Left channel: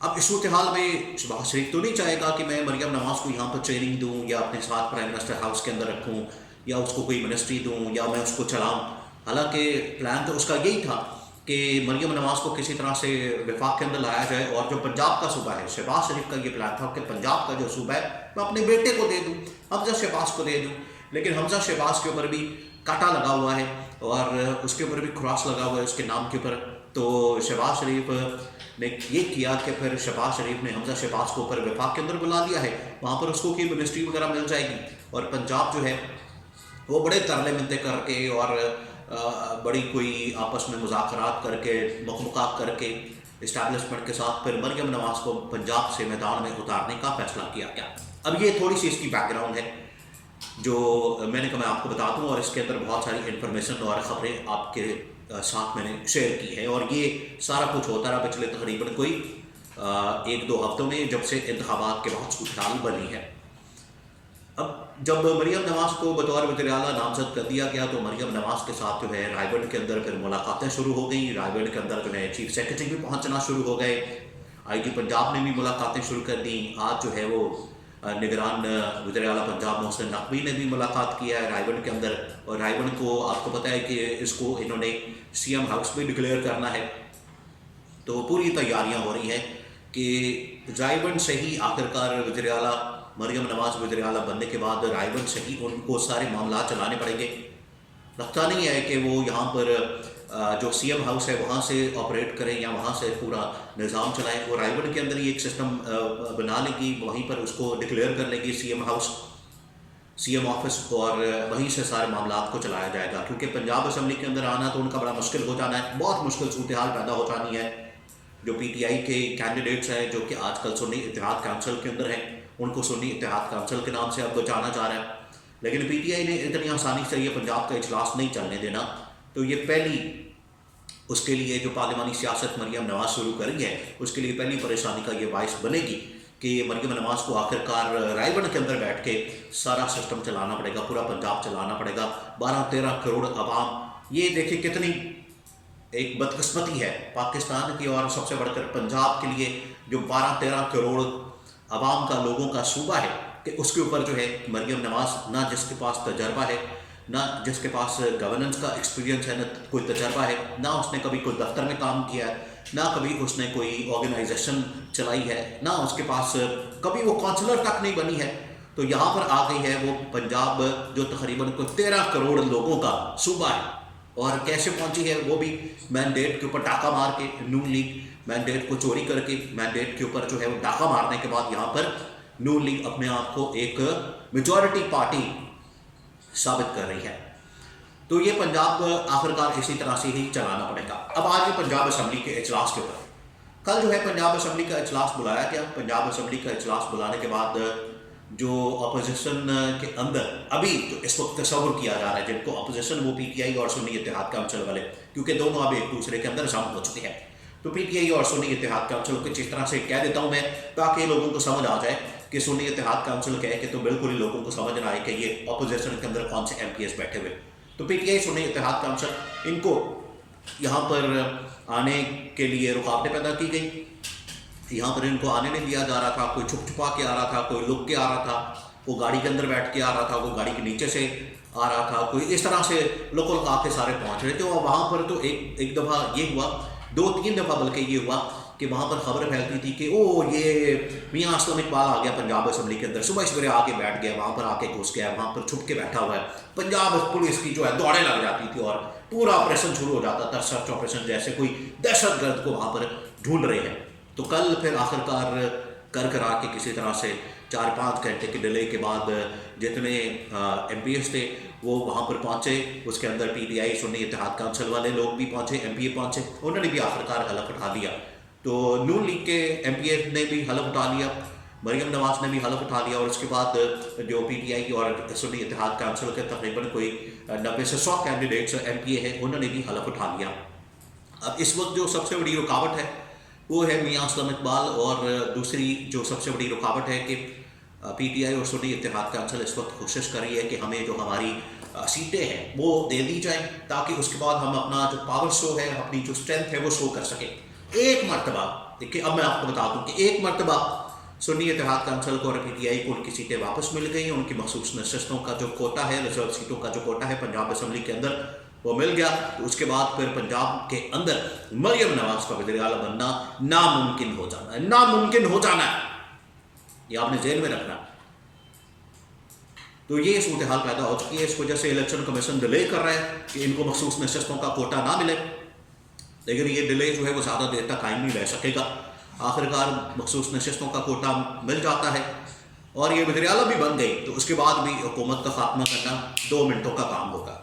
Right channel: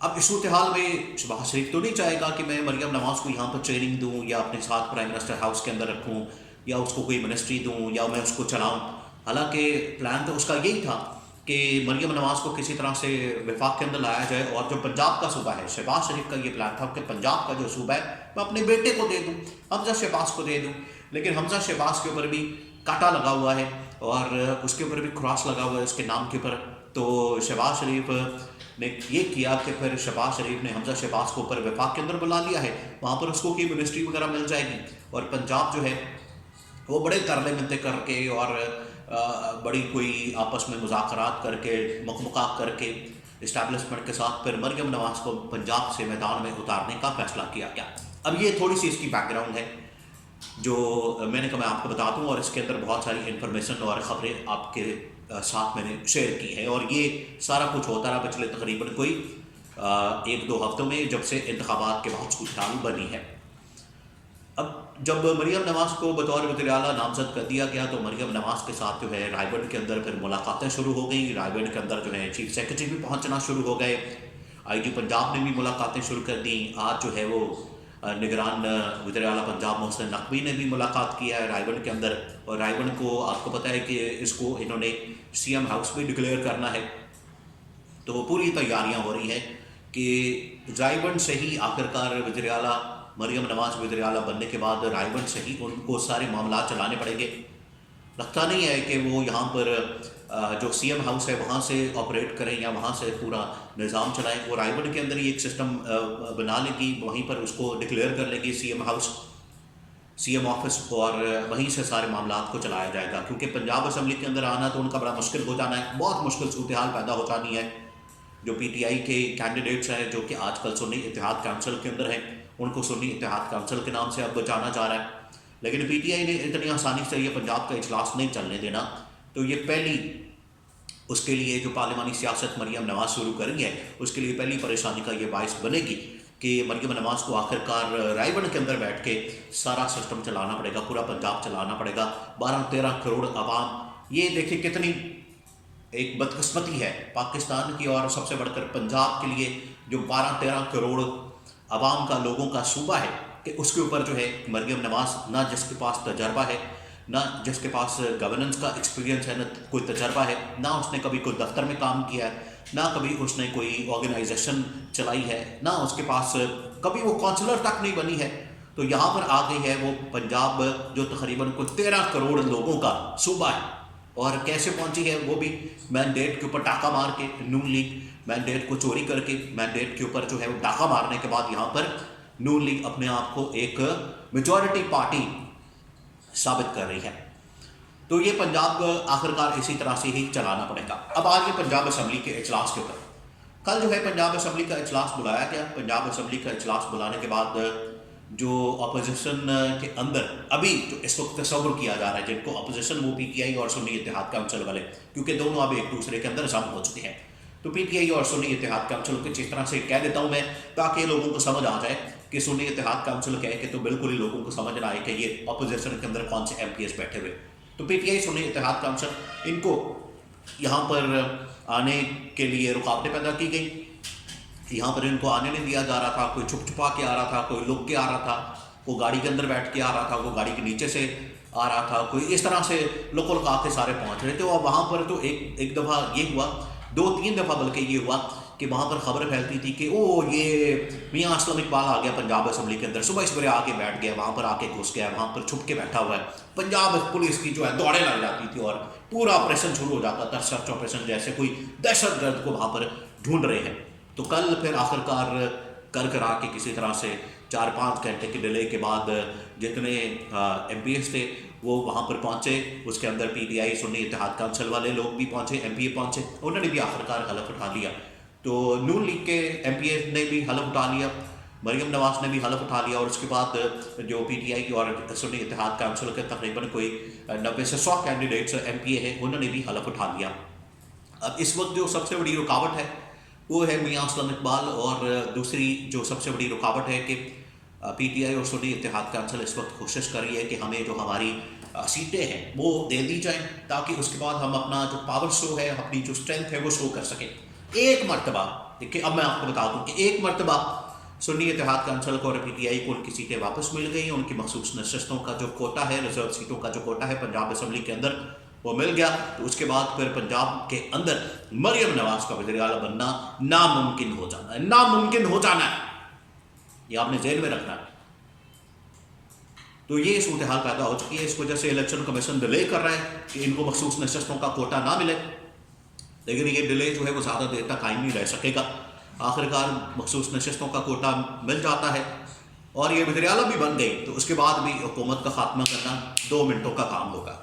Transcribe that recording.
اب اس صورتحال میں شہباز شریف تو نہیں چاہے گا کہ میں مریم نواز کو یہاں پر ٹریننگ دوں یا اپنے ساتھ پرائم منسٹر ہاؤس کے اندر رکھوں یا اس کو کوئی منسٹری دوں یا میں اس کو چلاؤں. حالانکہ پلان تو اس کا یہی تھا کہ مریم نواز کو کسی طرح سے وفاق کے اندر لایا جائے, اور جو پنجاب کا صوبہ ہے, شہباز شریف کا یہ پلان تھا کہ پنجاب کا جو صوبہ ہے میں اپنے بیٹے کو دے دوں, حمزہ شہباز کو دے دوں. لیکن حمزہ شہباز کے اوپر بھی کاٹا لگا ہوا ہے اور اس کے اوپر بھی کراس لگا ہوا ہے اس کے نام کے اوپر. تو شہباز شریف نے یہ کیا کہ پھر شہباز شریف نے حمزہ شہباز کو اوپر وفاق کے اندر بلا لیا ہے, وہاں پر اس کو کوئی منسٹری وغیرہ مل جائے گی, اور پنجاب جو ہے وہ بڑے ترلے منتے کر کے اور بڑی کوئی آپس میں مذاکرات کر کے مخمقات کر کے اسٹیبلشمنٹ کے ساتھ پھر مریم نواز کو پنجاب سے میدان میں اتارنے کا فیصلہ کیا گیا. اب یہ تھوڑی سی اس کی بیک گراؤنڈ ہے جو میں نے کہا میں آپ کو بتا دوں, اور اس کے اندر بہت ساری انفارمیشن اور خبریں آپ کے ساتھ میں نے شیئر کی ہے, اور یہ سارا کچھ ہوتا رہا پچھلے تقریباً کوئی 1-2 ہفتوں میں جب سے انتخابات کے بعد صورتحال بنی ہے. اب جب مریم نواز کو بطور وزیر اعلیٰ نامزد کر دیا گیا تو مریم نواز کے ساتھ جو ہے رائے بند کے اندر پھر ملاقاتیں شروع ہو گئیں. رائے بند کے اندر جو ہے چیف سیکرٹری بھی پہنچنا شروع ہو گئے, آئی جی پنجاب نے بھی ملاقاتیں شروع کر دیں. آج جو ہے وہ نگران وزیر اعلیٰ پنجاب محسن نقوی نے بھی ملاقات کیا ہے رائے بند کے اندر, اور رائے بند کو آپ کو پتہ ہے کہ اس کو انہوں نے سی ایم ہاؤس بھی ڈکلیئر کرنا ہے. تو پوری تیاریاں ہو رہی ہیں کہ رائے بند سے ہی آخرکار وزیر اعلیٰ مریم نواز وزیر اعلیٰ بننے کے بعد رائے بند سے ہی ان کو سارے معاملات چلانے پڑیں گے. لگتا نہیں ہے کہ وہ یہاں پر جو سی ایم ہاؤس ہے وہاں سے آپریٹ کریں یا وہاں سے پورا نظام چلائیں. وہ رائے بند کے اندر ہی ایک سسٹم بنا لے گی, وہیں پر اس کو ڈکلیئر کر لے گی C M house, C M office, اور وہیں سے سارے معاملات کو چلایا جائے گا. کیونکہ پنجاب اسمبلی کے اندر آنا تو ان کا بڑا مشکل ہو جانا ہے, بہت مشکل صورتحال پیدا ہو جانی ہے. جو پی ٹی آئی کے کینڈیڈیٹس ہیں جو کہ آج کل سنی اتحاد کونسل کے اندر ہیں, ان کو سنی اتحاد کونسل کے نام سے اب جانا جا رہا ہے. لیکن پی ٹی آئی نے اتنی آسانی سے یہ پنجاب کا اجلاس نہیں چلنے دینا. تو یہ پہلی اس کے لیے جو پارلیمانی سیاست مریم نواز شروع کری ہے اس کے لیے پہلی پریشانی کا یہ باعث بنے گی کہ مریم نواز کو آخرکار رائے بند کے اندر بیٹھ کے سارا سسٹم چلانا پڑے گا, پورا پنجاب چلانا پڑے گا. 12-13 کروڑ عوام, یہ دیکھیں کتنی ایک بدقسمتی ہے پاکستان کی, اور سب سے بڑھ کر پنجاب کے لیے جو 12-13 کروڑ عوام کا لوگوں کا صوبہ ہے کہ اس کے اوپر جو ہے مریم نواز نہ جس کے پاس تجربہ ہے, نہ جس کے پاس گورننس کا ایکسپیرینس ہے, نہ کوئی تجربہ ہے, نہ اس نے کبھی کوئی دفتر میں کام کیا ہے, نہ کبھی اس نے کوئی آرگنائزیشن چلائی ہے, نہ اس کے پاس کبھی وہ کونسلر تک نہیں بنی ہے. تو یہاں پر آ گئی ہے وہ پنجاب جو تقریباً کوئی 13 کروڑ لوگوں کا صوبہ ہے. اور کیسے پہنچی ہے وہ بھی مینڈیٹ کے اوپر ڈاکہ مار کے, نون لیگ مینڈیٹ کو چوری کر کے مینڈیٹ کے اوپر جو ہے وہ ڈاکہ مارنے کے بعد یہاں پر نون لیگ اپنے آپ کو ایک میجورٹی پارٹی ثابت کر رہی ہے. تو یہ پنجاب آخرکار اسی طرح سے ہی چلانا پڑے گا. اب آج پنجاب اسمبلی کے اجلاس کے اوپر, کل جو ہے پنجاب اسمبلی کا اجلاس بلایا گیا. پنجاب اسمبلی کا اجلاس بلانے کے بعد جو اپوزیشن کے اندر ابھی جو اس وقت تصور کیا جا رہا ہے, جن کو اپوزیشن وہ پی ٹی آئی اور سنی اتحاد کونسل والے, کیونکہ دونوں اب ایک دوسرے کے اندر ضم ہو چکے ہیں. تو پی ٹی آئی اور سنی اتحاد کونسل کو جس طرح سے کہہ دیتا ہوں میں تاکہ لوگوں کو سمجھ آ جائے کہ سنی اتحاد کونسل کہے کہ تو بالکل ہی لوگوں کو سمجھ نہ آئے کہ یہ اپوزیشن کے اندر کون سے ایم پی ایس بیٹھے ہوئے. تو پی ٹی آئی سنی اتحاد کونسل ان کو یہاں پر آنے کے لیے رکاوٹیں پیدا کی گئی. یہاں پر ان کو آنے نہیں دیا جا رہا تھا, کوئی چھپ چھپا کے آ رہا تھا, کوئی لک کے آ رہا تھا, وہ گاڑی کے اندر بیٹھ کے آ رہا تھا, وہ گاڑی کے نیچے سے آ رہا تھا, کوئی اس طرح سے لک لکا کے سارے پہنچ رہے تھے. اور وہاں پر تو ایک دفعہ یہ ہوا, 2-3 دفعہ بلکہ یہ ہوا کہ وہاں پر خبر پھیلتی تھی کہ او یہ میاں اسلم اقبال آ گیا پنجاب اسمبلی کے اندر, صبح سویرے آ کے بیٹھ گیا, وہاں پر آ کے گھس گیا, وہاں پر چھپ کے بیٹھا ہوا ہے. پنجاب پولیس کی جو ہے دوڑیں لگ جاتی تھی اور پورا آپریشن شروع ہو جاتا تھا, سرچ آپریشن, جیسے کوئی دہشت گرد کو وہاں پر ڈھونڈ رہے ہیں. تو کل پھر آخرکار کرا کے کسی طرح سے 4-5 گھنٹے کے ڈیلے کے بعد جتنے ایم پی ایس تھے وہ وہاں پر پہنچے. اس کے اندر پی ٹی آئی سنی اتحاد کونسل والے لوگ بھی پہنچے, ایم پی اے پہنچے, انہوں نے بھی آخرکار حلف اٹھا لیا. تو نون لیگ کے ایم پی اے نے بھی حلف اٹھا لیا, مریم نواز نے بھی حلف اٹھا لیا, اور اس کے بعد جو پی ٹی آئی اور سنی اتحاد کونسل کے تقریباً کوئی 90 سے 100 کینڈیڈیٹس ایم پی اے ہیں, انہوں نے بھی حلف اٹھا لیا. اب اس وقت جو سب سے بڑی رکاوٹ ہے وہ ہے میاں اسلم اقبال, اور دوسری جو سب سے بڑی رکاوٹ ہے کہ پی ٹی آئی اور سنی اتحاد کونسل اس وقت کوشش کر رہی ہے کہ ہمیں جو ہماری سیٹیں ہیں وہ دے دی جائیں تاکہ اس کے بعد ہم اپنا جو پاور شو ہے, اپنی جو اسٹرینتھ ہے وہ شو کر سکیں. ایک مرتبہ دیکھیے اب میں آپ کو بتا دوں کہ ایک مرتبہ سنی اتحاد کونسل کو اور پی ٹی آئی کو ان کی سیٹیں واپس مل گئی، ان کی مخصوص نشستوں کا جو کوٹا ہے، ریزرو سیٹوں کا جو کوٹا ہے پنجاب اسمبلی کے اندر وہ مل گیا، تو اس کے بعد پھر پنجاب کے اندر مریم نواز کا وزیر اعلیٰ بننا ناممکن ہو جانا ہے، ناممکن ہو جانا ہے، یہ آپ نے ذہن میں رکھنا ہے۔ تو یہ صورتحال پیدا ہو چکی ہے، اس وجہ سے الیکشن کمیشن ڈیلے کر رہا ہے کہ ان کو مخصوص نشستوں کا کوٹا نہ ملے، لیکن یہ ڈیلے جو ہے وہ زیادہ دیر تک قائم نہیں رہ سکے گا، آخرکار مخصوص نشستوں کا کوٹا مل جاتا ہے اور یہ وزیر اعلیٰ بھی بن گئی، تو اس کے بعد بھی حکومت کا خاتمہ کرنا 2 منٹوں کا کام ہوگا۔